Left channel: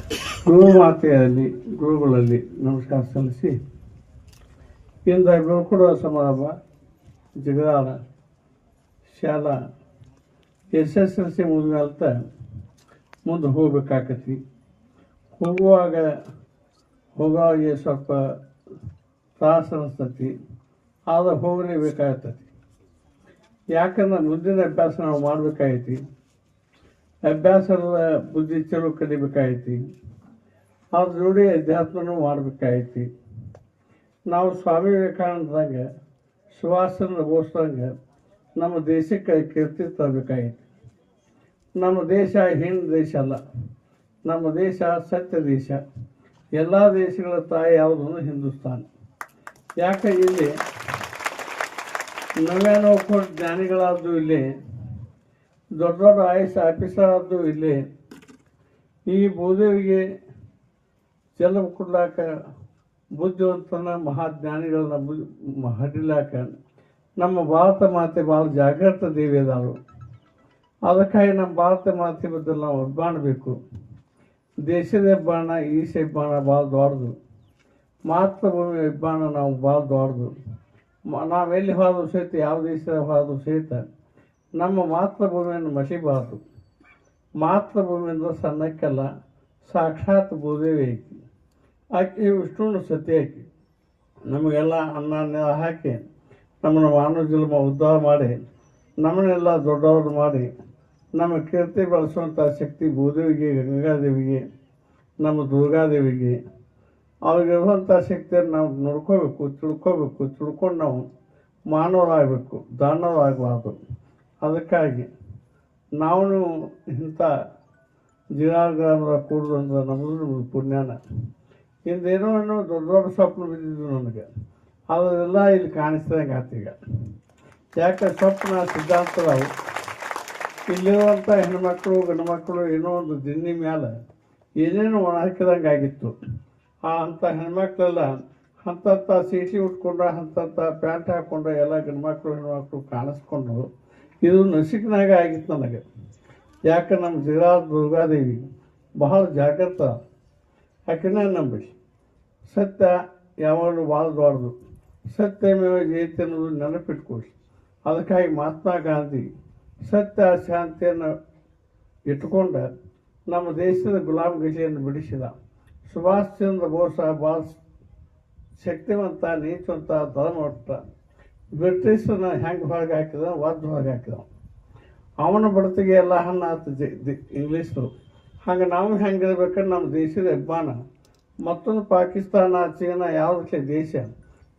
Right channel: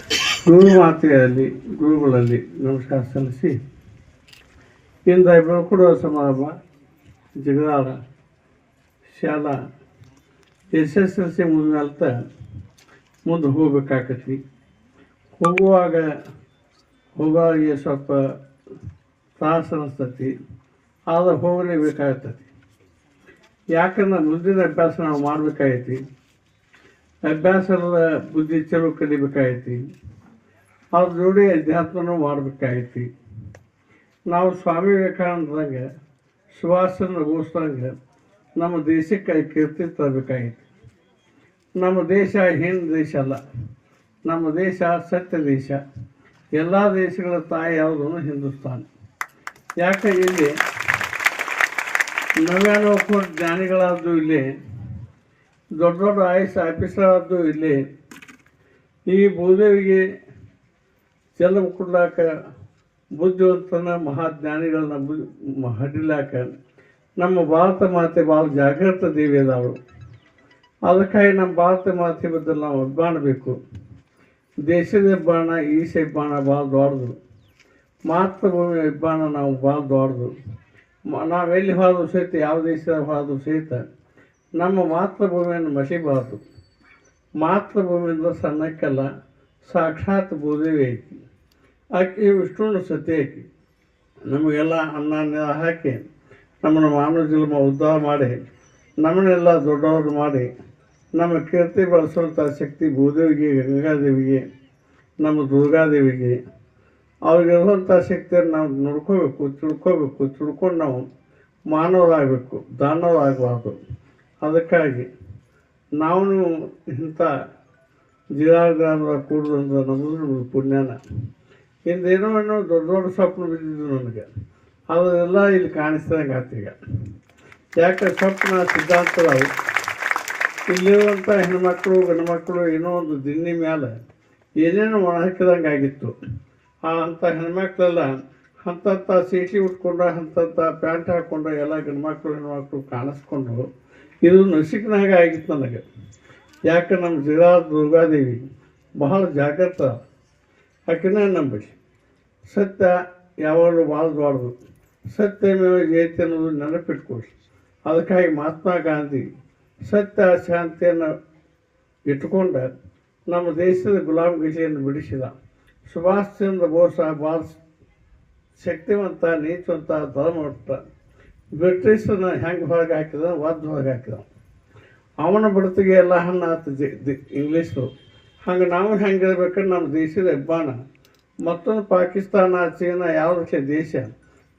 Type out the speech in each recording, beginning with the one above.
ಗುರುಮಾತೆಯಲ್ಲಿ ಗುರುಗಳಲ್ಲಿ ನಮಸ್ಕಾರ ಸಲ್ಲಿಸಿ. ಇಂದ ಬೀಳ್ಕೊಡುವ ಸಮಾರಂಭ, ಜಗದಾಳ, ಶಾಲಾ ಎಸ್ ಎಸ್ ಎಲ್ ಸಿ ಮುಂದಿನಲ್ತ ಮುಂದೆ ಹೋಗ್ಬೇಕಾಕತಿ ಹೋಗುವಾಗ ಹೋಗುವಾಗ ಸ್ವಲ್ಪ ತ್ರಾಸ ಅನಿಸ್ತತಿ, ಆದ್ರೆ ಹೋಗಲೇಬೇಕಾಗ್ತತಿ. ಯಾಕಂದ್ರೆ ಮುಂದಿನ ಅಭ್ಯಾಸ ನಾವು ಮಾಡ್ಬೇಕಾಗೈತಿ. ಅಭ್ಯಾಸದ ಬುದ್ಧಿ ಚಲೋ ಕಲಿಬೇಕಾಗೈತಿ ಅವ್ರ ಜೋಡಿ ಅಧ್ಯಾತ್ಮನೂ ಮಾಡ್ಬೇಕಾಗೈತಿ ನಾವು ಸ್ವಾಮಿ ವಿವೇಕಾನಂದಂಗೆ ಸುಭಾಷ್ ಚಂದ್ರ ಬೋಸ್ದಂಗೆ ನಮ್ಮ ದೇಶಕ್ಕೆ ಕೀರ್ತಿ ತರಬೇಕಾಗೈತಿ ನಮ್ಮ ದೇಶ ಹೆಣ್ಣು ದೇಶ ಅಲ್ಲ. ನಮ್ಮ ದೇಶ ಸತ್ಯ ದೇಶ. ಎಲ್ಲ ದೇಶಗಳ ತಾಯಿ ಯಾವುದೂ ಹಿಂದೂಸ್ತಾನ. ಯಾಕೆ ಇಲ್ಲಿ ನವ್ಯಾನೋಪ ಕೋಟಿ ಇಲ್ಲಿ ದೊಡ್ಡ ದೊಡ್ಡ ಐ ಎಸ್ ಆಫೀಸರ್ ಇಲ್ಲಿ. ಈ ಭೂದೇವಿಗೆ ಜನ್ಮ ಕೊಡ್ಲಾಕ ಬುದ್ಧಿವಂತನ ಮಹಾಜ್ಞಾನಿಗಳನ್ನ ಬು ಹಡಿಲಾಕ ನಮ್ಮ ಭಾರತ ಮಾತೆ ಭಾಳ ಜಾಗೃತ ದೇವಿ ಅದಾಳು. ಅದಕ್ಕಾಗಿ ನಮ್ಮ ಭಾರತ ಮಾತೆ ಬದಲು ನಾವು ಒಬ್ಬಾಣಬೇಕು ದೇಶದ ಹೆಬ್ಬಾಣ ಈಶ ಹೆಬ್ಬಾಣ ಭಾಳ ದೊಡ್ಡದು. ಮಾತೃಭೂಮಿ ಹೆಬ್ಬಾಣ ನಾವು ಭಾಳ ದೊಡ್ಡದು. ನಾವೆಲ್ಲಿ ಹೋದ್ರೂ ಸಹಿತ ಯಾವ ದೇಶದ ಹೋದ್ರೂ ಸಹಿತ ನಮ್ಮ ಮಾತೃಭೂಮಿಯನ್ನು ಮಸಿಬಾರ್ದು. ಮಾತೃಭೂಮಿಯಿಂದ ಸಣ್ಣಕ್ಕೆಲ್ಲ ಸಾಕ್ಷಾತ್ ಭೂದೇವಿ ಐತಿ. ಆಕೆ ವಿಷ್ಣುನ ಸತಿ ಆಕಿ. ನಮಗೆಲ್ಲ ಅನ್ನ, ನೀರು ಹಾಕಿ ನಮ್ಮನ್ನು ಮಾನವ ಜನ್ಮ ಉದ್ಧಾರ ಮಾಡಿ, ನಮ್ಮನ್ನೆಲ್ಲ ದೊಡ್ಡವರು ಮಾಡಿ, ನಮ್ಮ ಕೀರ್ತಿ ಬೆಳೆಸುವಂಥ ಶಕ್ತಿ ಭೂದೇವಿಗೆ, ಗಂಗಾದೇವಿಗೆ, ನಮ್ಮ ದುರ್ಗಾದೇವಿಗೆ ಅವ್ರಿಗಿರುವಂಥ ಶಕ್ತಿಯನ್ನು ನಾವು ನೋಡ್ಕೋಬೇಕು, ತಿಳ್ಕೋಬೇಕು, ತಿಳ್ಕೊಂಡು ನಾವು ಮಾನವರಾಗಬೇಕು, ದಾನವರಾಗಬಾರ್ದು. ಅದಕ್ಕಾಗಿ ನಾವು ಇಂಥ ಜಿಲ್ಲಾಗ್ರಾಮದ ಕೂಡುವಂಥ ನಮ್ಮದು ಪುಣ್ಯನ. ಹಿಂದೇನೋ ಏನೋ ದೊಡ್ಡ ದೊಡ್ಡ ಸ್ವಪ್ನ ಬಿದ್ದಿದ್ದು ನನಗೆ ಅದನ್ನೆಲ್ಲ ಇಲ್ಲಿ ಕಾಣಿಸ್ದಂಗೆ ಆತೀಗ ಯಾಕೆ ಸ್ವಪ್ನ ಸಿದ್ಧಾಂತಗಳು? ಇಲ್ಲಿರುವಂಥ ಹೆಣ್ಮಕ್ಳು, ಗಂಡ್ಮಕ್ಳು ಏನೋ ಒಂದು ದಿನ್ನಿ ಮೇಲೆ ಏನೇನೋ ಒಣ ಹಾಕಿದಂಗೆ ಆಗಿತ್ತು. ಆ ಅಂಥ ಹೆಣ್ಮಕ್ಳೆಲ್ಲ ಅಂಥಂಥ ಸೀಟಿ ಉಟ್ಕೊಂಡು, ಅಂಥಂಥ ಪ್ಯಾಂಟ್ ಹಾಕ್ಕೊಂಡು ಎಲ್ಲ ಗಂಡ್ಮಕ್ಳು, ಹೆಣ್ಮಕ್ಳು ಕಾಣಿಸ್ಕೊಂಡು ಇದು ನಸಿಕ್ನಾಗ ಆಗಿತ್ತು ನನಗೆ. ಯಾಕೆ ನಮ್ಮ ಜಿಲ್ಲಾ ದುರ್ಗಾದೇವಿ ಬಹಳ ಜಾಗ್ರತ ಆಕೆನ ನಂಬಿಸಿ ಸತ್ಯ ಯಾವಾಗಲೂ ಭಾಳ ದೊಡ್ಡದು ಸತ್ಯಮೇವ ಜಯತೆ ಅನ್ನೋದು ನೆನಪಿಟ್ಕೊಳ್ಳಿ. ಅದಕ್ಕಾಗಿ ಮಹಾತ್ಮ ಗಾಂಧಿ ಸತ್ಯ ಶಾಂತಿಯನ್ನು ಇಟ್ಕೊಂಡ ನಮ್ಮ ದೇಶದ ಗುಲಾಮಗಿರಿಯನ್ನು ಬಿಡಿಸಿದ. ಸುಭಾಷ್ ಚಂದ್ರ ಬೋಸ್ ಭಾಳ ಶಕ್ತಿವಂತ, ನೀತಿವಂತ, ಧರ್ಮವಂತ ಬ್ರಿಟಿಷರನ್ನ ಹೆಂಗೆ ಹೊರಗೆ ಹಾಕಿದ? ಒದ್ದ ಹೊರಗೆ ಹಾಕಿದ. ಅವನ ಬಡತಿಗೆ ಎಲ್ಲ ಹಣ್ಣು ಆತು ದಿ- ಇಂಗ್ಲೀಷರು ಹಂಗೆ ನಾವು ಹೆಂಗೆ ಇರ್ಬೇಕಾದ್ರೆ ನಮ್ಮ ದೇಶದ ಹೆಬ್ಬಾಣ ಮತ್ತೊಂದು ಪಾಕಿಸ್ತಾನ, ಚೀನಾ ಯಾವುದಕ್ಕೆ ದೇಶ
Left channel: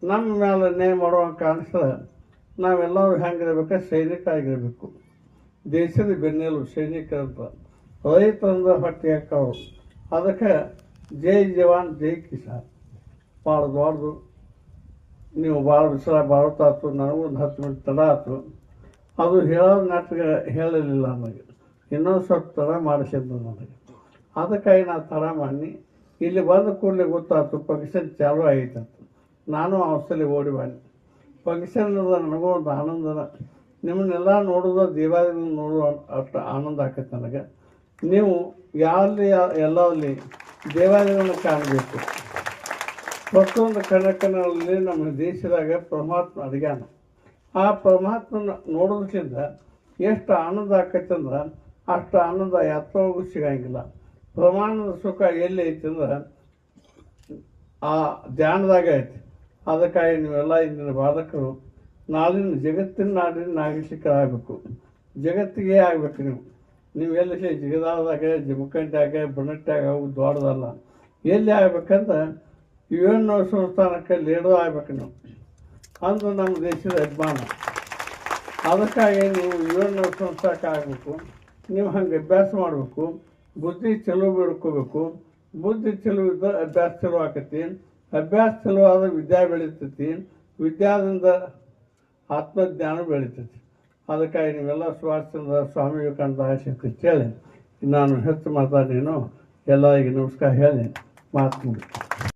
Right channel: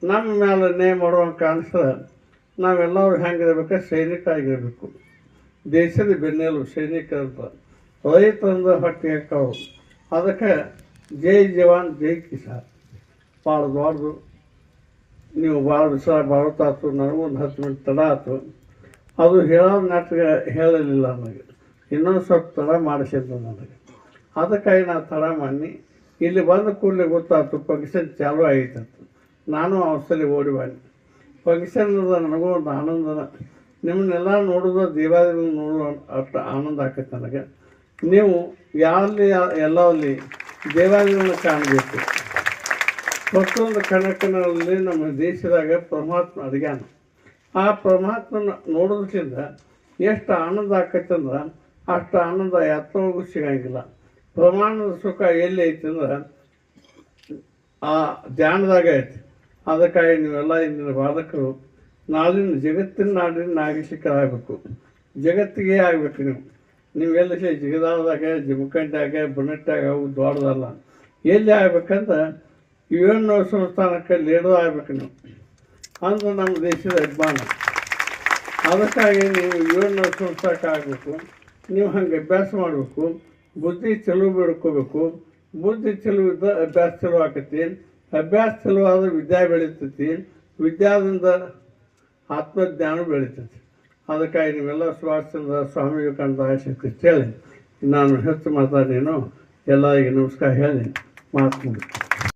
ನಮ್ಮ ಮೇಲೆ ನೇ ಮಾಡುವಂಗೆ ಕಾಣಿಸ್ತದೆ ನಾವೆಲ್ಲರೂ ಹೆಂಗಿರ್ಬೇಕು ಸೈನಿಕರಾಗಿರಬೇಕು. ದೇಶದ ಬೆನ್ನೆಲು ಸೈನಿಕರಂತ ರೈತರಿಂದ ಹೊಟ್ಟೆ ಹಾಕೋರು ಅದಕ್ಕೆ ಜೈ ಜವಾನ್, ಜೈ ಕಿಸಾನ್. ಭಾಳ ದೊಡ್ಡದು ನೀವು ಭಾಳ ದಿವಸ ಭಾರತಾತು ಒಂದು ಹತ್ತು ಮಿನಿಟ್ ತಡ ಆಯ್ತು ಅದು ಹೇಳೋ ನಾಟಕ ಹೇಳಲಿಲ್ಲ ನನಗೆ ಇನ್ನೊಂದು ಸ್ವಲ್ಪ ತಡ ಮಾಡಿಸಿದ್ದು ನನಗೆ ಅದಕ್ಕಾಗಿ ನಾನು ತಡ ಮಾಡಿ, ಇಲ್ಲಿ ಬಂದ ಕೂಡಲೇ ಗೊತ್ತಾಯ್ತು ಫಂಕ್ಷನ್ ಚಾಲು ಆಯಿತು ನಾನು ಅವಸಲಿ ಓಡಿ ಬನ್ನಿ ಫಂಕ್ಷನ್ ನನಗೂ ಒಂದು ಆನಂದನ ನಿಮ್ಮನ್ನೆಲ್ಲ ನೋಡೋದು ದೀಪಾವಳಿ ನೋಡುವ ಅಷ್ಟು ಆನಂದ ಆಗತ್ತೆ ನನಗೆ. ನೀವು ಯಾವಲ್ಲಿ ಎಲ್ಲಲ್ಲಿ ದೇವಾಲಯಗಳನ್ನು ಕಾಣಬೇಕು. ಪ್ರತಿಯೊಂದು ಕಣಕನಲ್ಲಿ ನಮ್ಮ ದೇಶದಾಗ ಪರಮಾತ್ಮ ಅಡಿಗಾನ. ಆ ಪರಮಾತ್ಮನ ನೋಡೋದ್ರಿಂದ ಎಷ್ಟು ಆನಂದ ಆಕೈತೆ ಅಂದ್ರೆ ಅಷ್ಟು ಆನಂದ ಯಾತ್ರೆಗೂ ಸಿಗಂಗಿಲ್ಲ. ಪ್ರಮಾಣದ ಸುಖ ಎಲ್ಲಿ ಐತಿ ಅಂದ್ರೆ ಆ ಧ್ಯಾನದಾಗ ಐತಿ. ಅದಕ್ಕಾಗಿ ನೀವೆಲ್ಲ ಇಂದಿನ ಬಾಧಕರು ನಾಳಿನ ಜಗತ್ತಿನ ನಾಡಿನ ನಾಗರಿಕರಾಗಬೇಕು. ಜಗತ್ತಿಗೆ ಆಗಬೇಕು ನೀವು. ನೀವೆಲ್ಲ ಜಿಗದಾಳದಾಗ, ಜಮಖಂಡ್ಯಾಗ ಬುಣಟ್ಟಾಗ ಅವು ದೊಡ್ಡದಲ್ಲ ಎಲ್ಲಿ ಆಗ್ಬೇಕಂದ್ರೆ ಇವೇನು ಸಂಸ್ಥಾನಕ್ಕೆ ಲೀಡರ್ ಆಗಬೇಕು ನೀವು. ಅಂದು ನಮ್ಮ ದೇಶದ ಅಭಿಮಾನ. ಅದಕ್ಕಾಗಿ ನೀವು ಇವೇನು ಸಂಸ್ಥಾನಕ್ಕೆ ಆಗಬೇಕು. ನೀವು ಹಂಗೆ ಅಭ್ಯಾಸ ಮಾಡಬೇಕು. ಬುದ್ಧಿ ಚಲೋ ಬಿಡ್ಕೋಬೇಕು ಬುದ್ಧಿ ಚಲೋ ಇದ್ದ ಅಭ್ಯಾಸ ಚಲೋ ಆಕತಿ. ಅಭ್ಯಾಸ ಚಲೋ ಆದ್ರೆ ವಿದ್ಯೆ ಬೆಳೀತೈತಿ. ವಿದ್ಯಾದಿಂದ ಆತ್ಮಜ್ಞಾನ ಬೆಳೀತೈತಿ. ಅದಕ್ಕಾಗಿ ನೀವೆಲ್ಲ ಸುಭಾಷ್ಚಂದ್ರ ಸ್ವಾಮಿ ವಿವೇಕಾನಂದ ಆಶಕ್ತಿ ಕೇಳಿ. ನಾನು ಹೆಚ್ಚು ಮಾತಾಡೇನು ಎಲ್ಲರಿಗೆ ನಮಸ್ಕಾರ ಹೇಳಿ. ಮಾತು